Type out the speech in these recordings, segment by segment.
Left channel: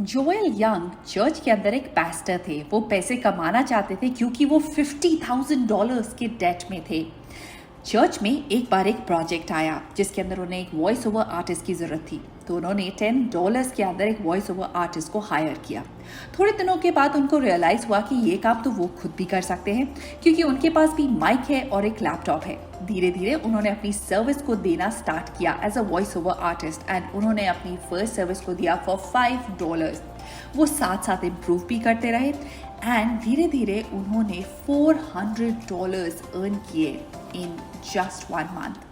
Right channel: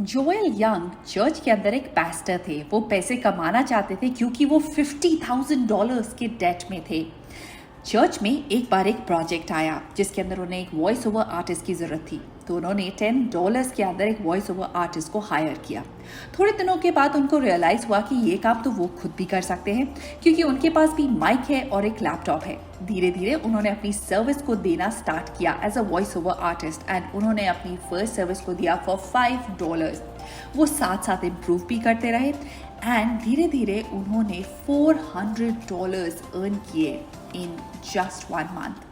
Joel young church के अंदर एक पास्टर थे। वो पैसे कमाना चाहते थे क्योंकि वो $50,000 के डेट में थे। चर्च में एक बार एक प्रोजेक्ट आया जिसके अंदर उन्हें एक वॉइस ओवर आर्टिस्ट की ज़रूरत थी, तो उन्होंने $10 के अंदर एक वॉइस ओवर आर्टिस्ट को हायर किया। थोड़े दिनों के बाद उनको रियलाइज़ हुआ कि ये काम तो वो खुद भी कर सकते हैं क्योंकि उनके पास भी माइक है और एक लैपटॉप है। धीरे धीरे उन्होंने अपनी सर्विस को देना स्टार्ट किया as a voice over artist and उन्होंने अपनी फर्स्ट सर्विस को दिया फॉर $5। वो साथ साथ इम्प्रूव भी करते रहे एंड धीरे धीरे उन्होंने $400 अर्न किए इन जस्ट 1 मंथ।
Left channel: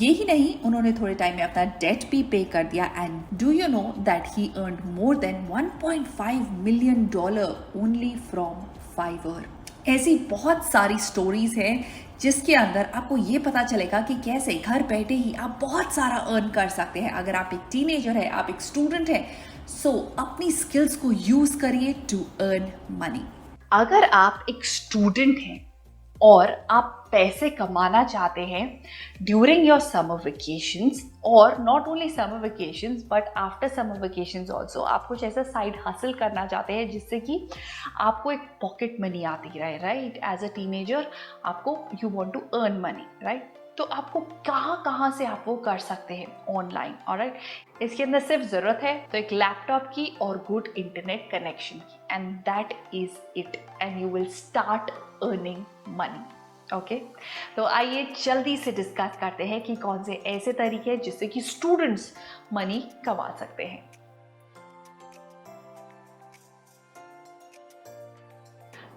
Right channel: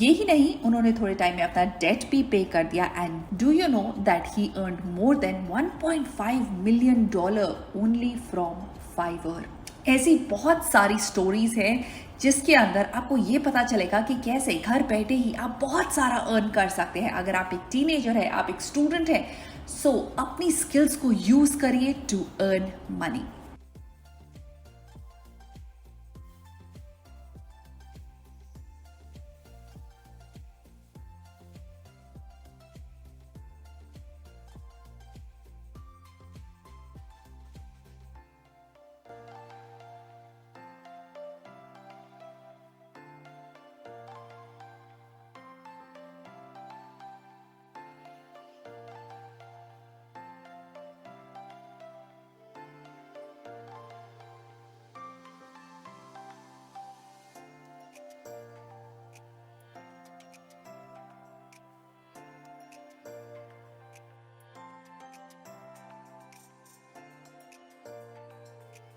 ये ही नहीं, उन्होंने थोड़े टाइम में अपना डेट भी पे कर दिया and do you know that he earn more than $1.5 million only from Fiverr. ऐसी बहुत सारी स्टोरीज हैं जिसके अंदर आपको ये पता चलेगा कि कैसे घर बैठे ही आप बहुत सारा अर्न कर सकते हैं। अगर आप एक टीनेजर है, आप एक स्टूडेंट है, सो अपनी स्किल्स को यूज करिए टू अर्न मनी। अगर आप एक स्टूडेंट हैं और आप पैसे कमाना चाहते हैं ड्यूरिंग योर समर वेकेशंस, और not only summer vacations but after summer vacations also, आप कुछ ऐसा साइड हासिल करना चाहते हैं जिससे कि आपको एक पॉकेट मनी आती रहे, राइट? एज अ टीनेजर आपको you want to earn money, right? तो आपको कहाँ कहाँ से आप वो कर सकते हैं ऑनलाइन, ऑलराइट? इसके अंदर सिर्फ ज़रूरत है तो एक लैपटॉप की और गुड इंटरनेट कनेक्शन की, and that is it, and you will start earning money. Okay, तो आइए जल्दी से डिस्कस करते हैं कि कौन से ऐसे तरीके हैं जिससे कि स्टूडेंट्स मनी कमा सकते हैं।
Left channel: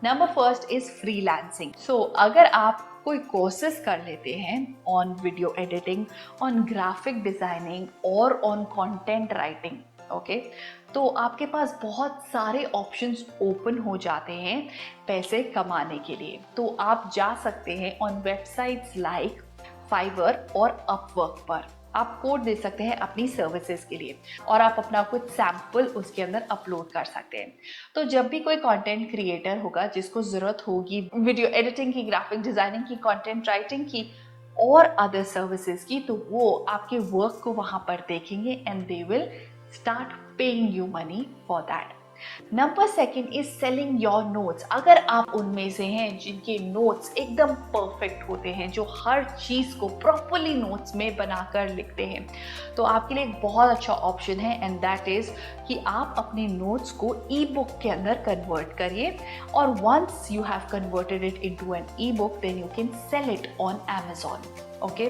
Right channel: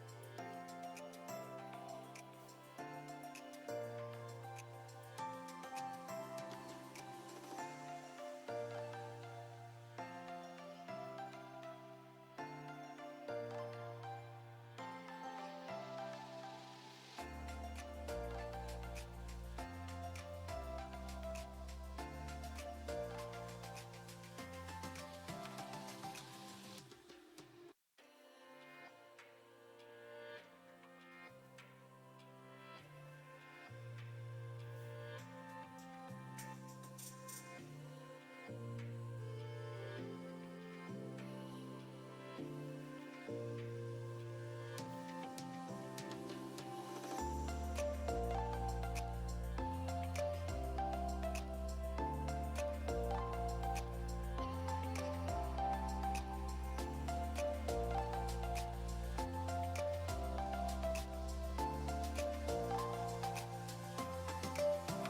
Number first is freelancing. So अगर आप कोई कोर्सेज कर लेते हैं on video editing, on graphic designing और ऑन कंटेंट राइटिंग, ओके, तो आपके पास बहुत सारे ऑप्शंस ओपन हो जाते हैं पैसे कमाने के लिए। तो आप जा सकते हैं ऑन वेबसाइट्स लाइक फाइवर और अपवर्क पर। आप कोड दे सकते हैं अपनी सर्विसेज के लिए और आप अपना कुछ सैंपल उसके अंदर अपलोड कर सकते हैं। तो जब भी कोई कंटेंट क्रिएटर होगा जिसको ज़रूरत होगी वीडियो एडिटिंग की, ग्राफिक डिज़ाइनिंग की, कंटेंट राइटिंग की और अदर सर्विसेज की, तो वो आपके वर्क को वहाँ पर देखेंगे and they will start paying you money for that. Number second is selling your notes. अगर आप उनमें से हैं जिनके नोट्स एकदम परफेक्ट होते हैं, जो हर चीज़ को प्रॉपरली नोट्स में बनाकर लिखते हैं, तो आपके लिए एक बहुत अच्छा ऑप्शन है एंड दैट इज कि आप अपने नोट्स को ई बुक के अंदर कन्वर्ट करिए, और once you have converted it into an e book then you can sell it on Amazon। Okay,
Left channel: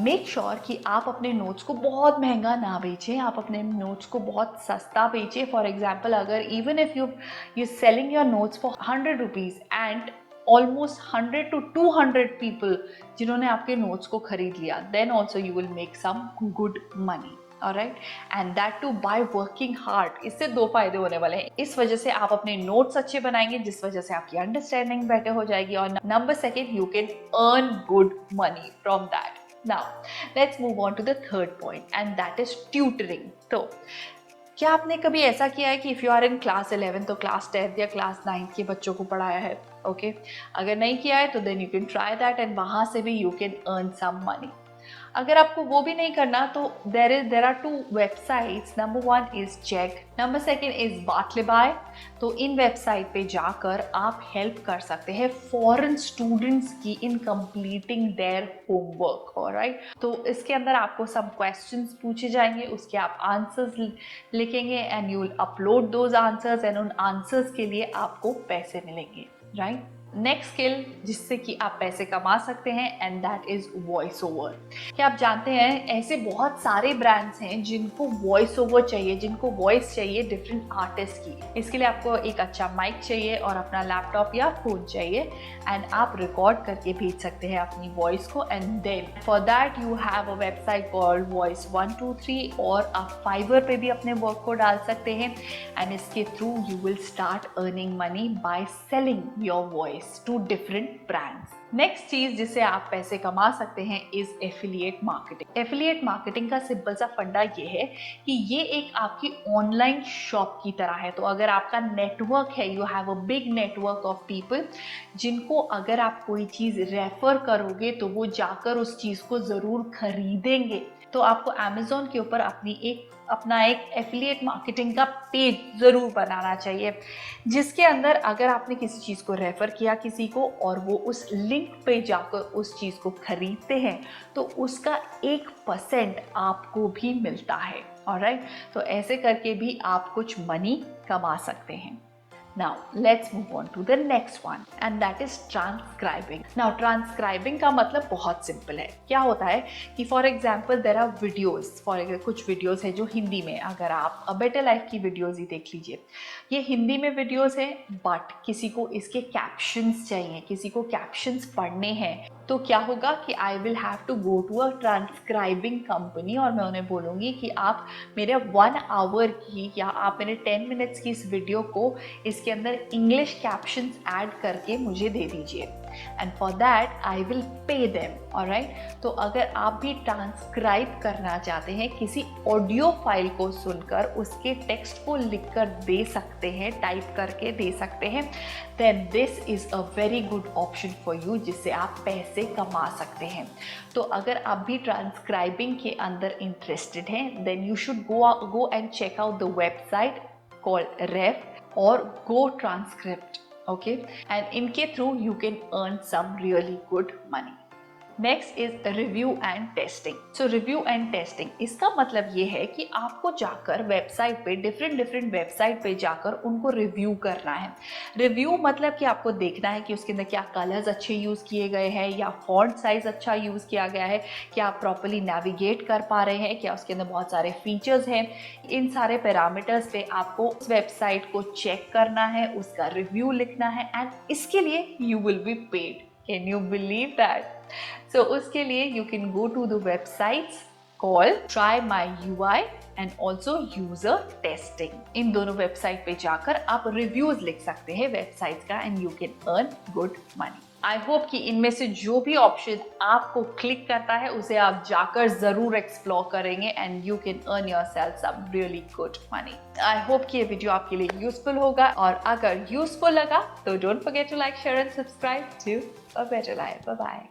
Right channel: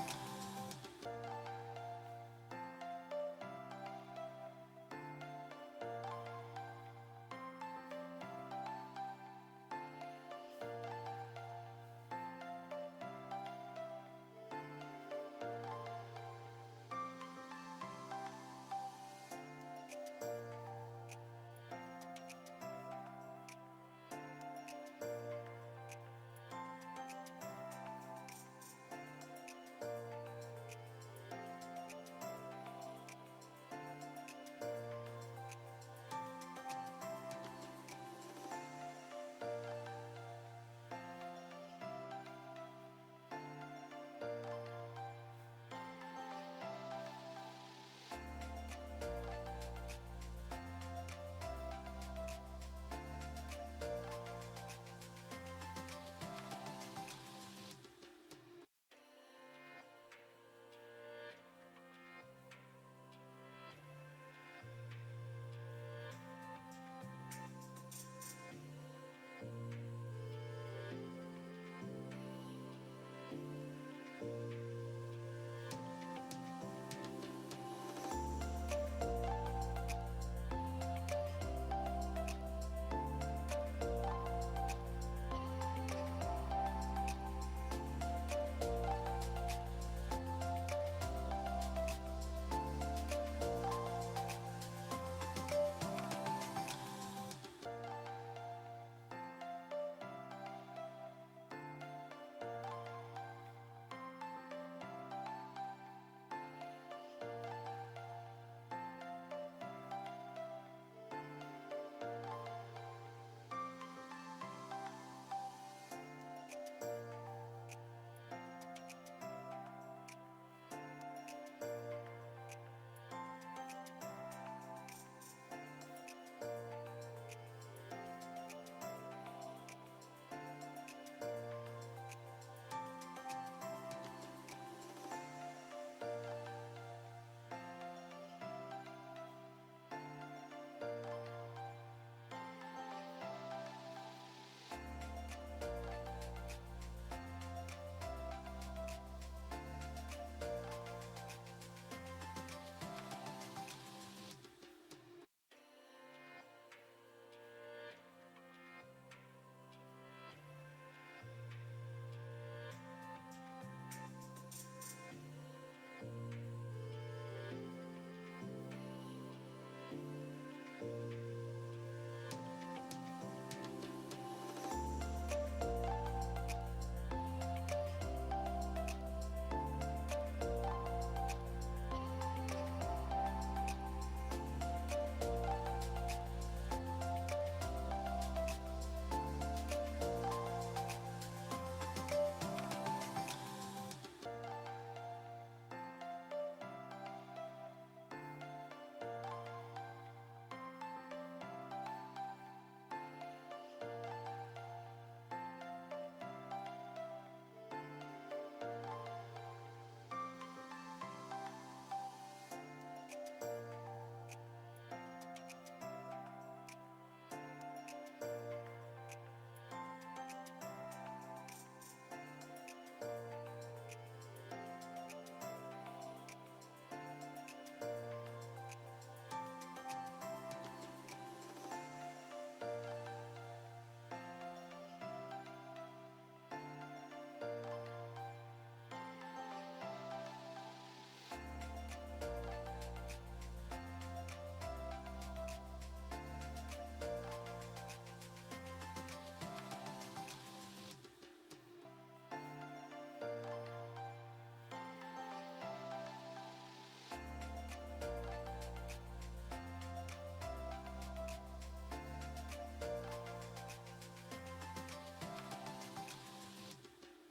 make sure कि आप अपने नोट्स को बहुत महंगा ना बेचें, आप अपने नोट्स को बहुत सस्ता बेचें। फॉर एग्जाम्पल, अगर even if you selling your notes for ₹100 and almost 100 to 200 people जिन्होंने आपके नोट्स को खरीद लिया, then also you will make some good money, alright? And that too by working hard. इससे दो फायदे होने वाले हैं। इस वजह से आप अपने नोट्स अच्छे बनाएंगे जिस वजह से आपकी अंडरस्टैंडिंग बेटर हो जाएगी, और number second, you can earn good money from that. Now let's move on to the third point and that is tutoring. तो क्या आपने कभी ऐसा किया है कि if you are in class 11 तो क्लास 10 या क्लास 9 के बच्चों को पढ़ाया है? ओके, अगर नहीं किया है तो then you can try that and वहाँ से भी you can earn some money. अगर आपको वो भी नहीं करना तो there are two websites. Number one is Chegg, number second is Bartleby. तो इन वेबसाइट पे जाकर आप हेल्प कर सकते हैं फॉरेन स्टूडेंट्स की इन कंप्लीटिंग देयर होमवर्क, ऑलराइट? तो इसके अंदर आपको सब क्वेश्चंस पूछे जाएंगे, उसके आप आंसर्स लिखेंगे and you will upload those answers and उन आंसर्स के लिए आपको पैसे मिलेंगे, राइट? नेक्स्ट स्किल जिससे कि आप पैसे कमा सकते हैं and that is voice over. क्या आप जानते हैं ऐसे बहुत सारे ब्रांड्स हैं जिनको वॉइस ओवर चाहिए, जिनको वॉइस चाहिए डिफरेंट आर्टिस्ट की। इसके लिए आपको एक अच्छा माइक चाहिए और अपना लैपटॉप या फोन चाहिए एंड आप रिकॉर्ड करके भेज सकते हैं अपनी वॉइस को, and then for that you have a website called Voice123, और आप फाइवर पे भी अपने वर्क को डाल सकते हैं एंड इसके through you will start earning money by selling your voice to different brands. Next चीज जिससे आप पैसे कमा सकते हैं is affiliate marketing. Affiliate marketing का सिंपल सा फंडा ये है कि ये एक आपकी ऑनलाइन शॉप की तरह है। तो अगर आपका नेटवर्क है, you have a big network of people जिनको अगर आप कोई चीज रेफर करोगे तो वो जाकर उस चीज को जरूर खरीदेंगे, तो आपको Amazon के ऊपर अपना एक एफिलिएट मार्केटिंग का पेज ज़रूर बनाना चाहिए, जिसके अंदर अगर आपने किसी चीज़ को रेफ़र किया किसी को और वो उस लिंक पे जाकर उस चीज़ को खरीदते हैं तो उसका 1% आपको भी मिलता है। ऑलराइट, तो ऐसे करके भी आप कुछ मनी कमा सकते हैं। Now let's move on to the next one and that is transcribing. Now transcribing का मतलब बहुत सिंपल है। क्या होता है कि for example there are videos, कुछ videos है जो हिंदी में, अगर आप A Better Life की videos ही देख लीजिए, ये हिंदी में videos है बट किसी को इसके captions चाहिए, किसी को captions पढ़ने हैं, तो क्या होगा कि I will have to go to a transcribing company और मैं उन्हें बोलूँगी कि आप मेरे 1 आवर की या आप मेरे 10 मिनट्स की इस वीडियो को इसके अंदर इंग्लिश कैप्शंस ऐड करके मुझे दे दीजिए and for that I will pay them. Alright, तो अगर आप भी ट्रांसक्राइब करना चाहते हैं, किसी ऑडियो फाइल को सुनकर उसके टेक्स्ट को लिखकर दे सकते हैं, टाइप करके दे सकते हैं, then this is a very good option for you, जिससे आप पैसे कमा सकते हैं। तो अगर आप भी ट्रांसक्राइबिंग के अंदर इंटरेस्टेड हैं, then you should go and check out the website called Ref or Go Transcript, okay, and इनके through you can earn some really good money. Next is review and testing. So review and testing इसका मतलब ये है कि आपको जाकर website पे different website पे जाकर उनको रिव्यू करना है। रिव्यू मतलब कि आपको देखना है कि उसके अंदर क्या कलर्स अच्छे यूज़ किए गए हैं या फॉन्ट साइज अच्छा यूज़ किया गया है, क्या आप प्रॉपरली नेविगेट कर पा रहे हैं, क्या उसके अंदर बहुत सारे फीचर्स हैं। इन सारे पैरामीटर्स पे आपको उस वेबसाइट को चेक करना है, उसका रिव्यू लिखना है एंड इसके लिए you will be paid. Can you believe that? So उसके लिए you can go to the websites called Try My UI and also User Testing। इन दोनों वेबसाइट पे जाकर आप रिव्यूज लिख सकते हैं वेबसाइट का and you can earn good money. I hope कि इनमें से जो भी ऑप्शन आपको क्लिक करता है उसे आप जाकर जरूर एक्सप्लोर करेंगे and you can earn yourself some really good money. I hope कि ये वीडियो आपके लिए यूजफुल होगा और अगर यूजफुल लगा तो don't forget to like, share and subscribe to a better life. Bye bye.